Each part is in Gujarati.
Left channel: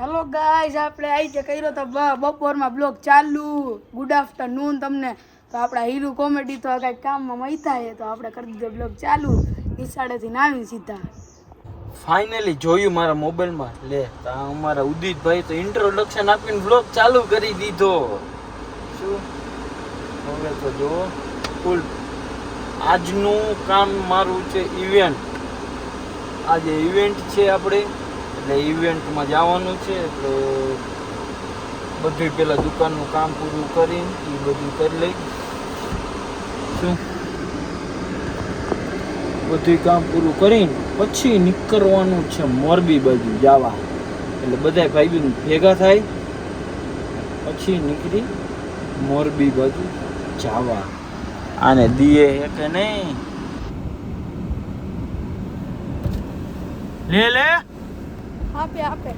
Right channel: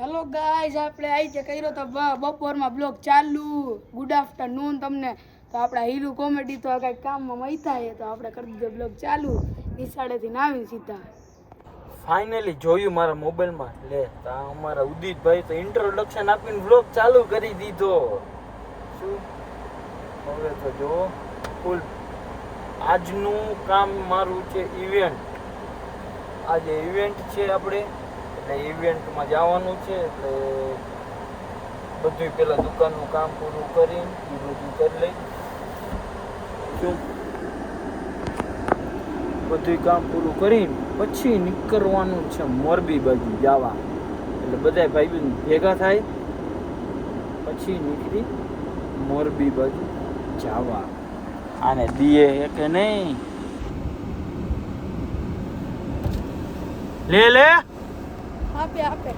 હેલો ગાઈસ, આપણે આવી છે કર્યો તો બપોરમાં બ્લોગ ચાલુ. ગુડ આફ્ટરનૂન તમને. તો આપણા હીરુ કોમેડી તો કંઈક કામમાં મૈથા છે, તો આપણે કરી દીધો બ્લોગ ચાલુ. નિશાળેથી નાવી સીધા ફાઇનલી જોયું મારા મોબાઈલમાં. લે તો અમારા ઉદિતભાઈ તો ઇન્ટ્રોડક્શન આપીને બ્લોગ ચાલુ કરી દીધો. શું હવે તો જુઓ ફૂલ. આજનું કામ મારું છે ઇવેન્ટ. આજે ઇવેન્ટ છે આપણે, એટલે ઇવેન્ટમાં જવાનું છે. એટલે બધું પહેલાં દુકાનનું કામ પૂરું કરીને એ બધું કરી લઈ. શું બધું કામ પૂરું કરીને પછી નીકળવાનું છે મોરબી બાજુ જવા. એટલે બધા ભાઈ ભેગા થાય પછી નીકળી મોરબી બાજુ જવા. આને દીએ હે કે નહીં? લે લે આપે આપે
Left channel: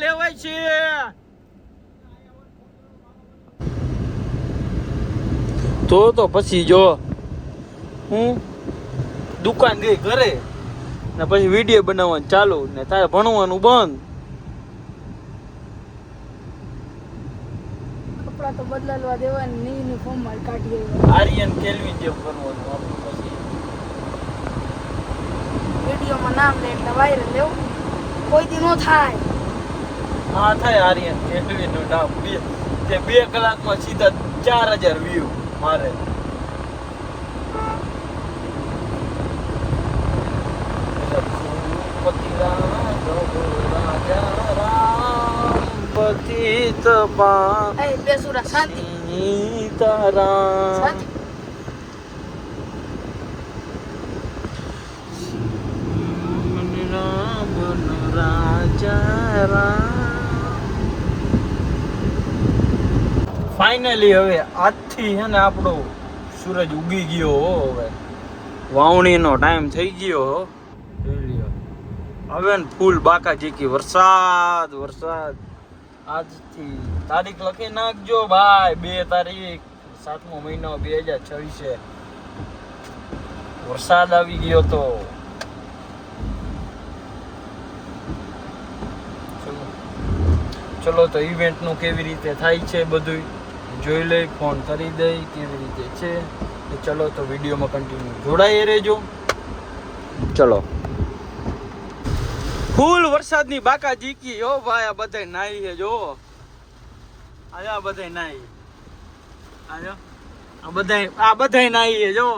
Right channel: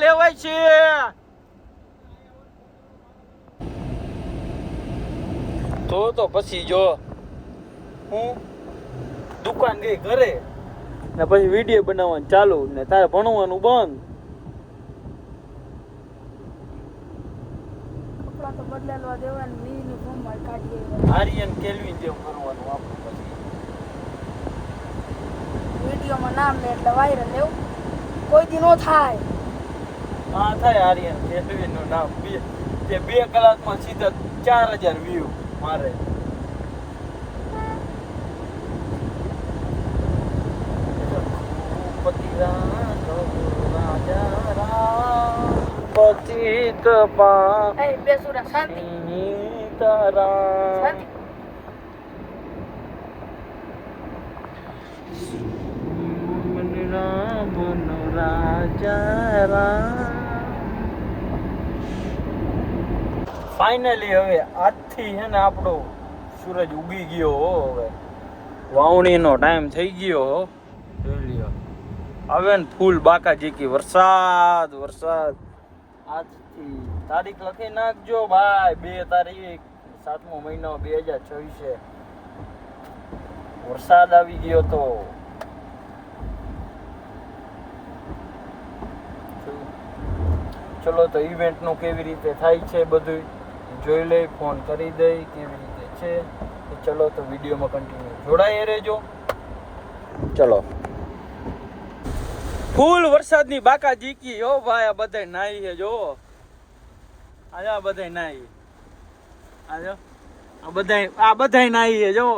લેવાય છે. તો પછી જો હું દુકાન ગઈ ઘરે ને પછી વિડીયો બનાવવાનું ચાલુ ને તારે ભણવાનું બંધ. કપડા તો બદલાવા દેવાય ને યુનિફોર્મ માં કાઢી આર્યન કેલ્વિન જેમ કરવાનું આપણે. પછી વિડીયોમાં નામ લે એટલે વાયરલ લેવું કોઈ દી નો થાય. હા થાય. આર્યન કેલ્વિન નું નામ તે 2 કલાકમાં સીધા 4000 વ્યૂ મારે. પતિત પા એ બેસુરા શાંતિ તારા શાંતિ. રામ રાજા રામ. ફાઇનલી હવે આજથી છે ને આપણો સૂરજ ઉગી ગયો હો. હવે વાવણીનો ટાઈમ થઈ ગયો હો. જોઈ લ્યો હવે ને ફૂલ બાકાજીકી વરસાદ વરસાદ. આજથી તારીખ લખી નાખજો ભાઈ. 2 તારીખ 7મો મહિનો 2026 વરસાદ આવી ગયો તો. ચલો તો ઇવેન્ટ નું કેવી રીતે થાય છે બધું જોઈ લઈ. ફોન કરી દઈ કેવી રીતે છે. ચલો તો વિડીયોમાં કન્ટિન્યુ જોડાઈ રહેજો. ચલો ફૂલ વરસાદની બાકા જીકી હો ભાઈ. આ બધા નાઈ છે જો. આ બધા નાઈ. આજો આ બધા નાઈ છે જો.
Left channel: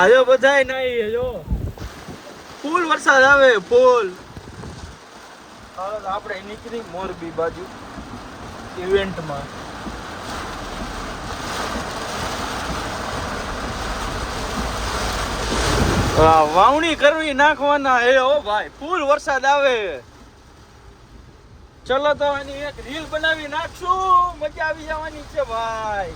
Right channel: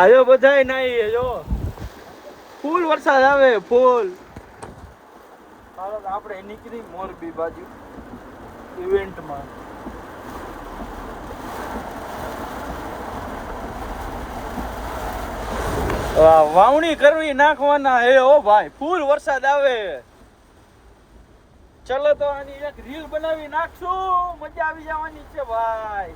આજો બધાય નાઈ જો. ફૂલ વરસાદ આવે ફૂલ. ચાલો આપણે નીકળી મોરબી બાજુ ઇવેન્ટમાં. વાવણી કરવી નાખવાના હે ઓ ભાઈ. ફૂલ વરસાદ આવે. ચલો તો આની એક રીલ બનાવી નાખશું. મજા આવી જવાની છે ભાઈ.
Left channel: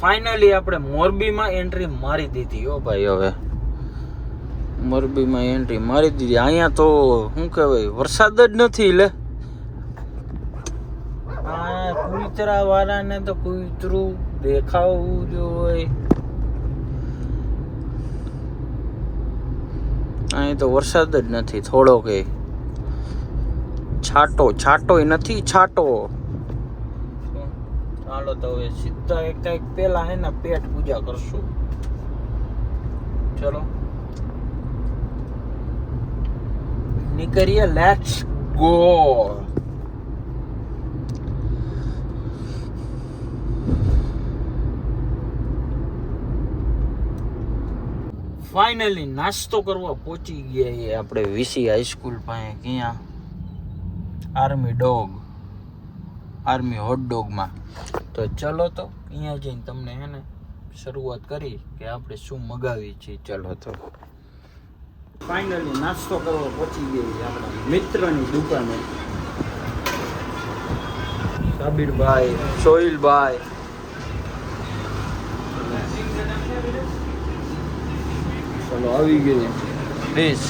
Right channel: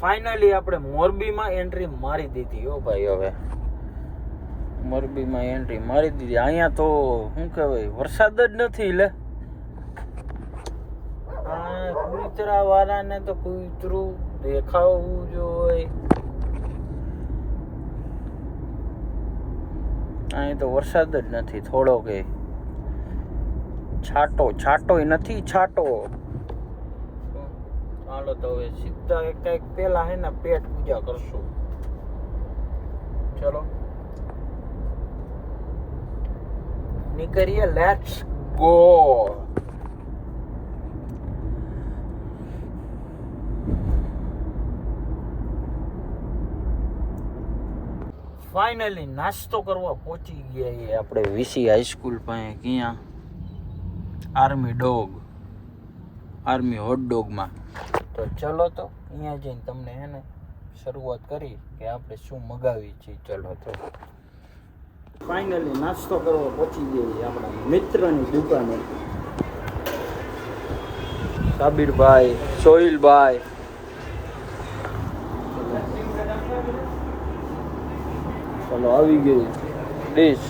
ફાઇનલી આપણે મોરબીમાં એન્ટ્રી મારી દીધી હો ભાઈ. હવે મોરબીમાં એન્ટ્રી મારી દીધી. અહીંયા તો શું કહેવાય વરસાદ જ નથી. લે આ કુતરા વાળાને તો કૂતરું દેખાવું જોઈએ. અહીં તો વરસાદ જ નથી. થોડો કે છાંટોય નથી. છાંટો. ચાલો તો હવે સીધા કંઈક પેલા હે ને પેટ પૂજા કરશું. ચલો નીકળીએ. Let's go. ફાઇનલી નાસ્તો કરવા પહોંચી ગયા એ આપણે વીસી હાઈસ્કૂલ પાસે. ક્યાં? આર્મી હોટ ડોગમાં. તો ચલો તો અહીંયા જઈને તમને હે ને શરૂઆત કરી કે આપણે શું મગાવી છે. ચલો તો ફાઇનલી નાસ્તો કરવા પહોંચી ગઈ આપણા મિત્રની દુકાને. સાબિરભાઈ, સોહિલભાઈ, ચલો આવી ગઈ ડીશ,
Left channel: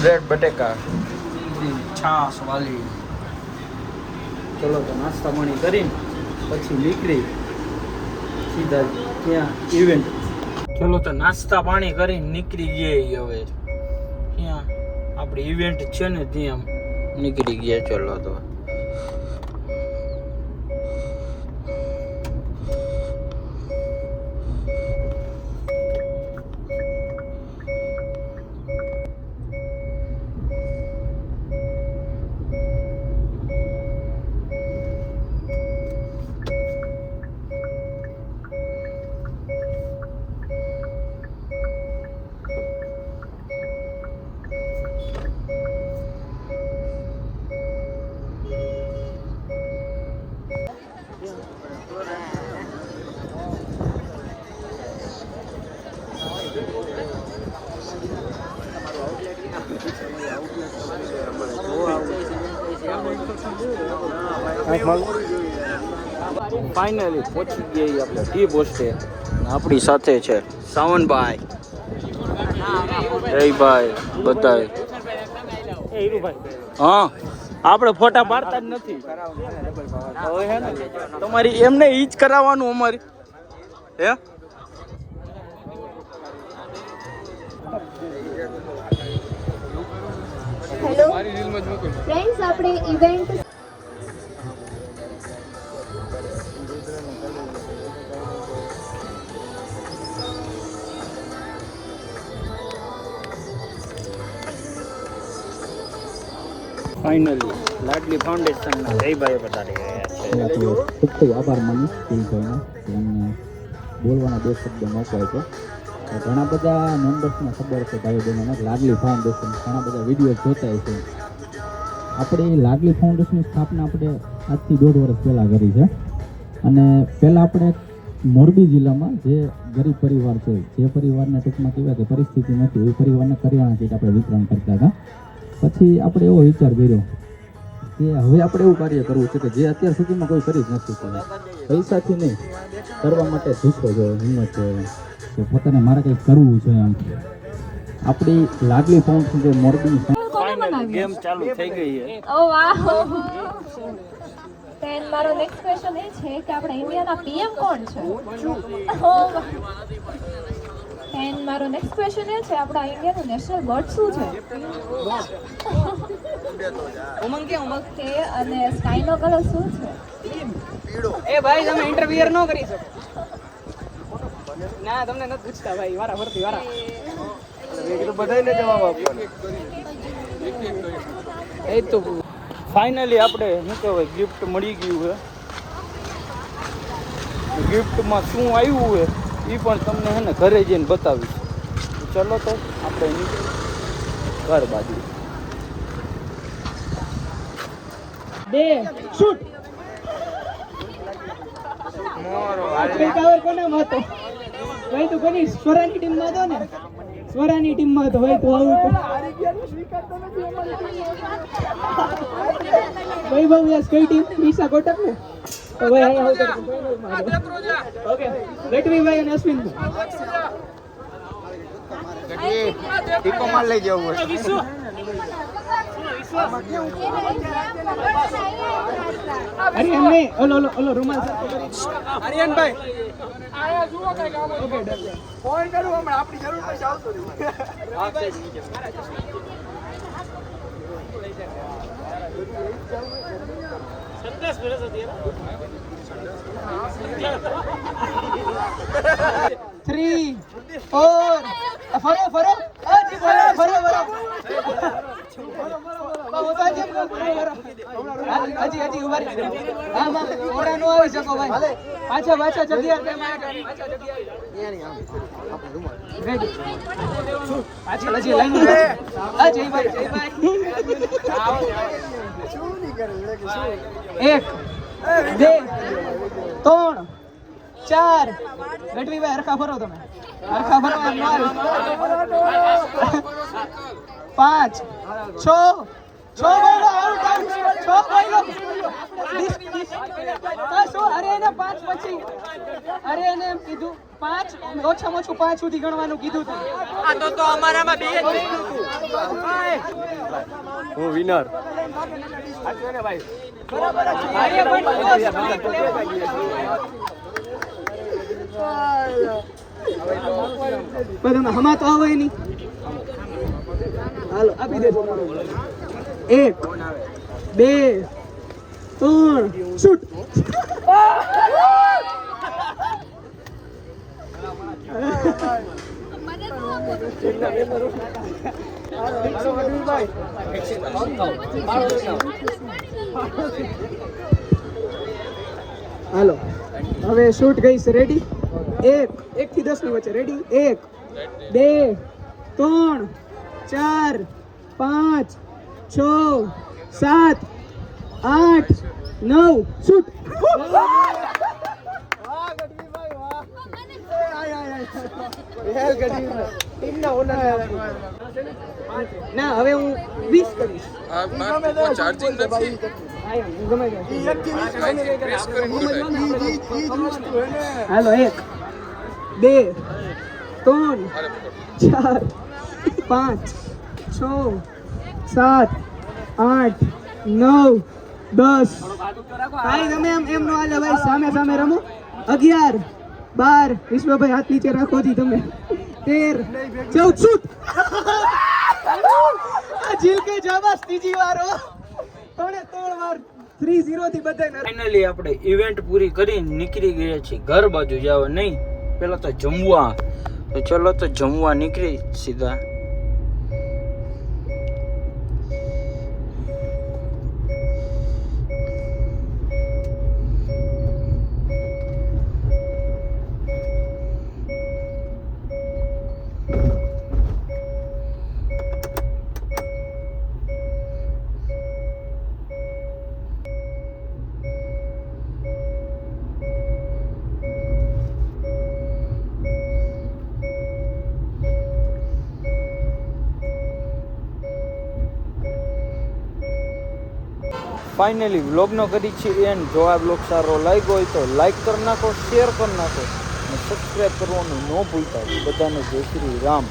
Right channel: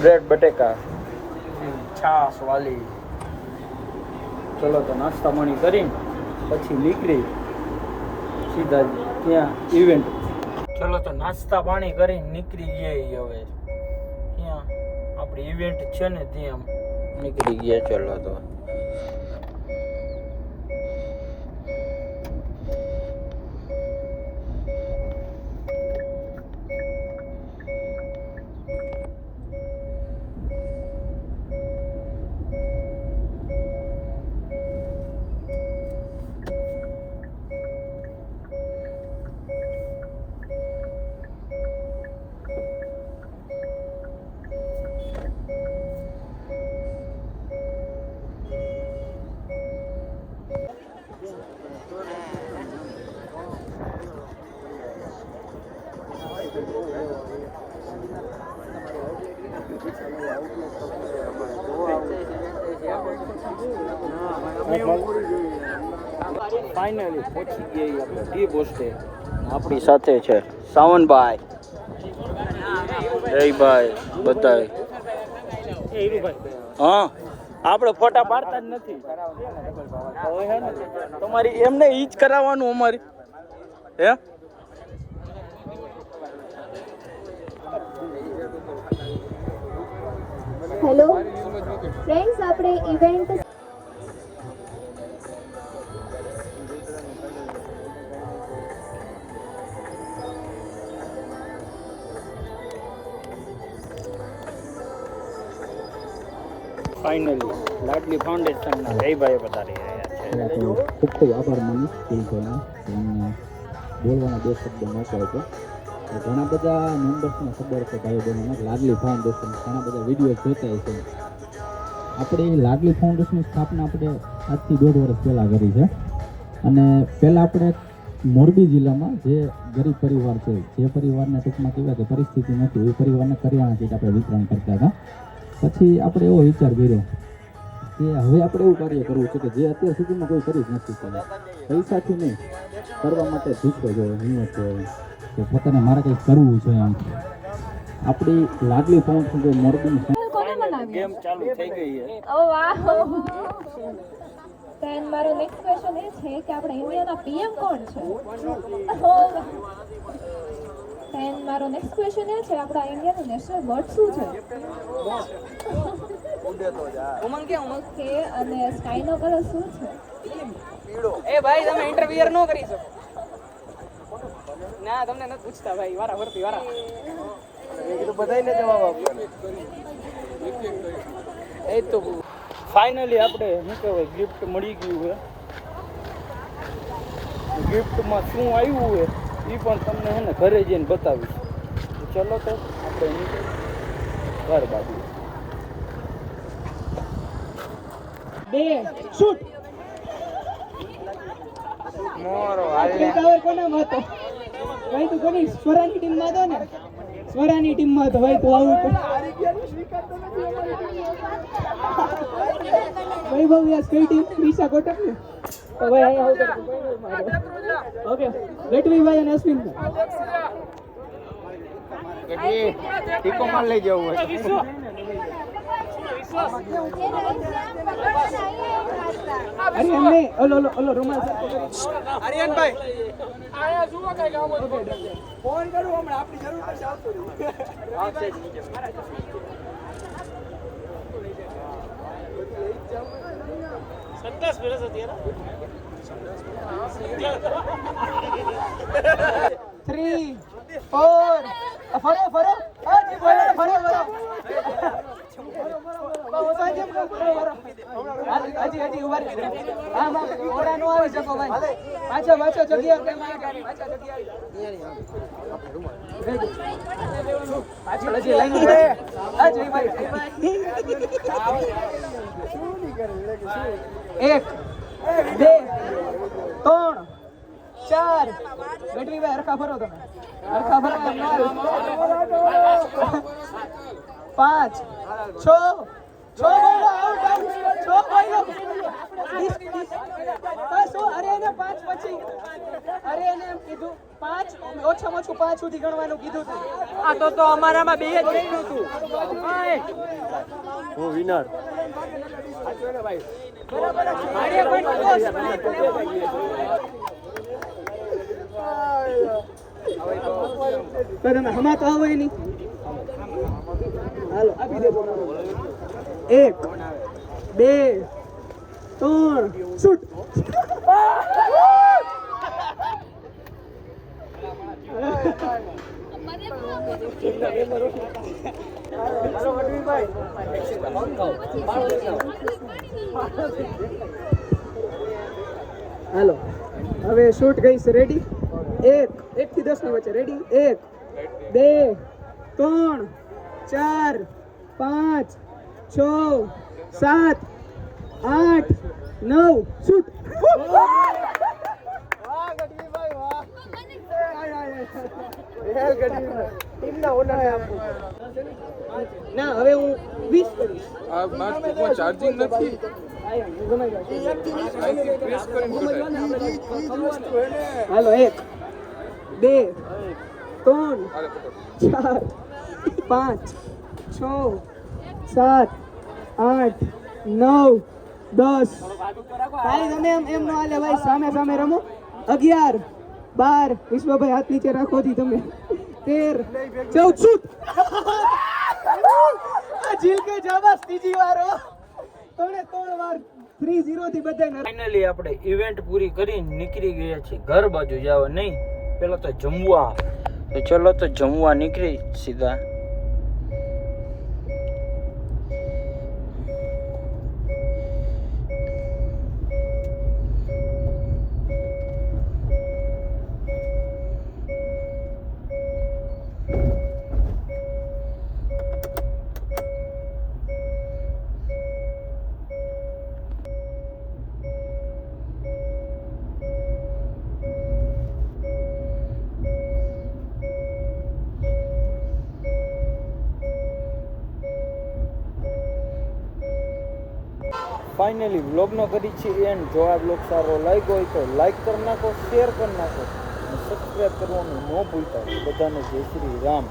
બ્રેડ બટેકા, છાશ વાલી. ચલો તો નાસ્તા પાણી કરીને પછી નીકળી સીધા ત્યાં ઇવેન્ટ. ચલો તો નાસ્તા પાણી કરીને નીકળી ગયા હવે ત્યાં આપણી ઇવેન્ટ છે ને ત્યાં નીકળી ગયા. ચલો તો ફાઇનલી પહોંચી ગયા આપણે ટી પોસ્ટે. આપણી સાથે છે સાવનભાઈ, જયભાઈ, બધા. હા, આપણે ફોટા પાડતા જ નથી. હવે હે ને તમારી એમને ઈ જ કરાવવાનું અમારી. હે હેલો ફ્રેન્ડ્સ, આપણે ઇવેન્ટ ફાઇનલી લાડલી ફાઉન્ડેશનના જયભાઈ પધારી રહ્યા છે. ખૂબ ખૂબ આભાર માનું સ્કૂલભાઈનો એમને બોલવાના 2 શબ્દ મોકલાય છે. તો ઘણા બધા મેમ્બર્સને ખબર છે ભાઈ બહેનોને લાડલી ફાઉન્ડેશન ઘણા બધા વિડીયો જોતા છે. આપણે લાડલી ફાઉન્ડેશનની સ્થાપના આપણે આજથી 1.5 વર્ષ પહેલાં કરી છે. અને પહેલાં આપણે મોરબી જિલ્લામાં જે ગરીબ પરિવાર છે, જે પરિવારને ટૂંકમાં કહેવાય કે પરિસ્થિતિ નથી, એ પરિવારને કરિયાણા કીટ આપણે વિતરણ કરતા હતા. પછી આપણે એવો વિચાર કર્યો કે હવે આપણે એવું કાર્ય કરવું છે કે જે અત્યાર સુધીમાં કોઈ કરી જ નથી કર્યું. પૈસાથી નહીં, કરવા માટે જુસ્સો જોઈએ, હિંમત જોઈએ કે પોતાને મારે કંઈક કરવું છે. એમ આપણી લાડલી ફાઉન્ડેશન જે મોરબીની ફાઇનલી ગેમ ચાલુ થઈ ગઈ છે. ઓ વાહ. then મારો નેક્સ્ટ ક્વેશ્ચન એ છે કે આપણા ઇન્ડિયાના પીએમ કોણ છે? then મારો નેક્સ્ટ ક્વેશ્ચન એ છે આપણા ઇન્ડિયાનું નેશનલ બર્ડ શું છે? ઓકે, અને સ્કાયનો કલર શું છે? એ ભાઈ તમે ઇન્ટરવ્યુઅર ન કરી શકો. ના તમને નથી પૂછતા ભાઈ, વારા ફરતી વારા. બધાને જવાબ આપવાનો. એ તો ફાઇનલી આપણે શું કહેવાય ગિફ્ટ મળી ગયું છે. ગિફ્ટમાં શું આવ્યું છે એ પણ તમને છે ને ઘરે જઈને બતાવીશ. ચલો તો આપણે ઘર બાજુ. 2 શૂટ. મોરો કવર કોનામાં હતો? ભાઈ તું કોની સ્વરાની ટીમમાં હતો ને? સ્વરાની ટીમમાં હતો ભાઈ. તું આવું ભાઈ ભાઈ યસ કઈ ટીમ? ડીસા કોટક ને? તો ભાઈ ઓકે, ગઢવીભાઈ અને અશ્વિન ટીકો માર લઈ જવું હોય. અરે અમને ઓલો રૂમાલ આર્યનભાઈ ફોન કરું હમણાં, આપણી જરૂર પડશે આવતો રહી. સંદેશ વિરસ હતી 3 4 ફરો ફરો ફરો ફરો ફરો. હજી ઉભા રહી. હા માં ઓડા નો આવી શકો ભાઈ. પાછા જગ્યા કેમ આવ્યા? પાછા જગ્યા આવી. રેડી. પાછળ હજી લાઈન માં. હા જયભાઈ. એક, બે, ત્રણ, ચાર. ગઢવીભાઈ હરખા ભરો તમે. હરખા ભરો. પાંચ, છ. અરે એને પાંચ પછી અરે એને એમ કીધું પાંચ ઓછામાં ઓછું 5 સુધી ગણવાનું કીધું હતું. આ તો અમારામાં બે જ કીધું હતું. હું વિનર. તમે હમા તો આવે નહીં. હાલો આપી દેજો. 1, 2, 3 શૂટ. હાલો હવે શૂટ ગઈશ. રેડી? 1 થી 10 ની વચ્ચે. રેડી? 1, 2, 3, 4, 5, 6, 7, 8, 9 શૂટ. ના હવે હું 20 કરીશ. ચાર્જિંગ નથી. હાલો 1, 2, 3, 4, 5, 6, 7, 8, 9, 10. ભાઈ તમે એમ નો હાલે ભાઈ. સામે રમો. 11, 12. વિશ્વભાઈ હાથ નીચે રાખો જી તમે. 13, 14 શૂટ. જીલકે જાબસ ત્રીજી વાર. 3 વાર 3-0 થી બધાને. ફાઇનલી આપણે ઇવેન્ટ પૂરી કરીને નીકળી ગયા છીએ ઘર બાજુ જવા. નહીં પેલા તો જમવા. તો ચલો તો જમવા નીકળી સીધા. ફાઇનલી વ્લોગનો કરી છે એન્ડ. જો આ વ્લોગ સારો લાગ્યો હોય તો લાઈક કરી નાખો, શેર કરી નાખો અને સબસ્ક્રાઈબ કરવાનું ન ભૂલતા. બધાને જય શ્રી રામ.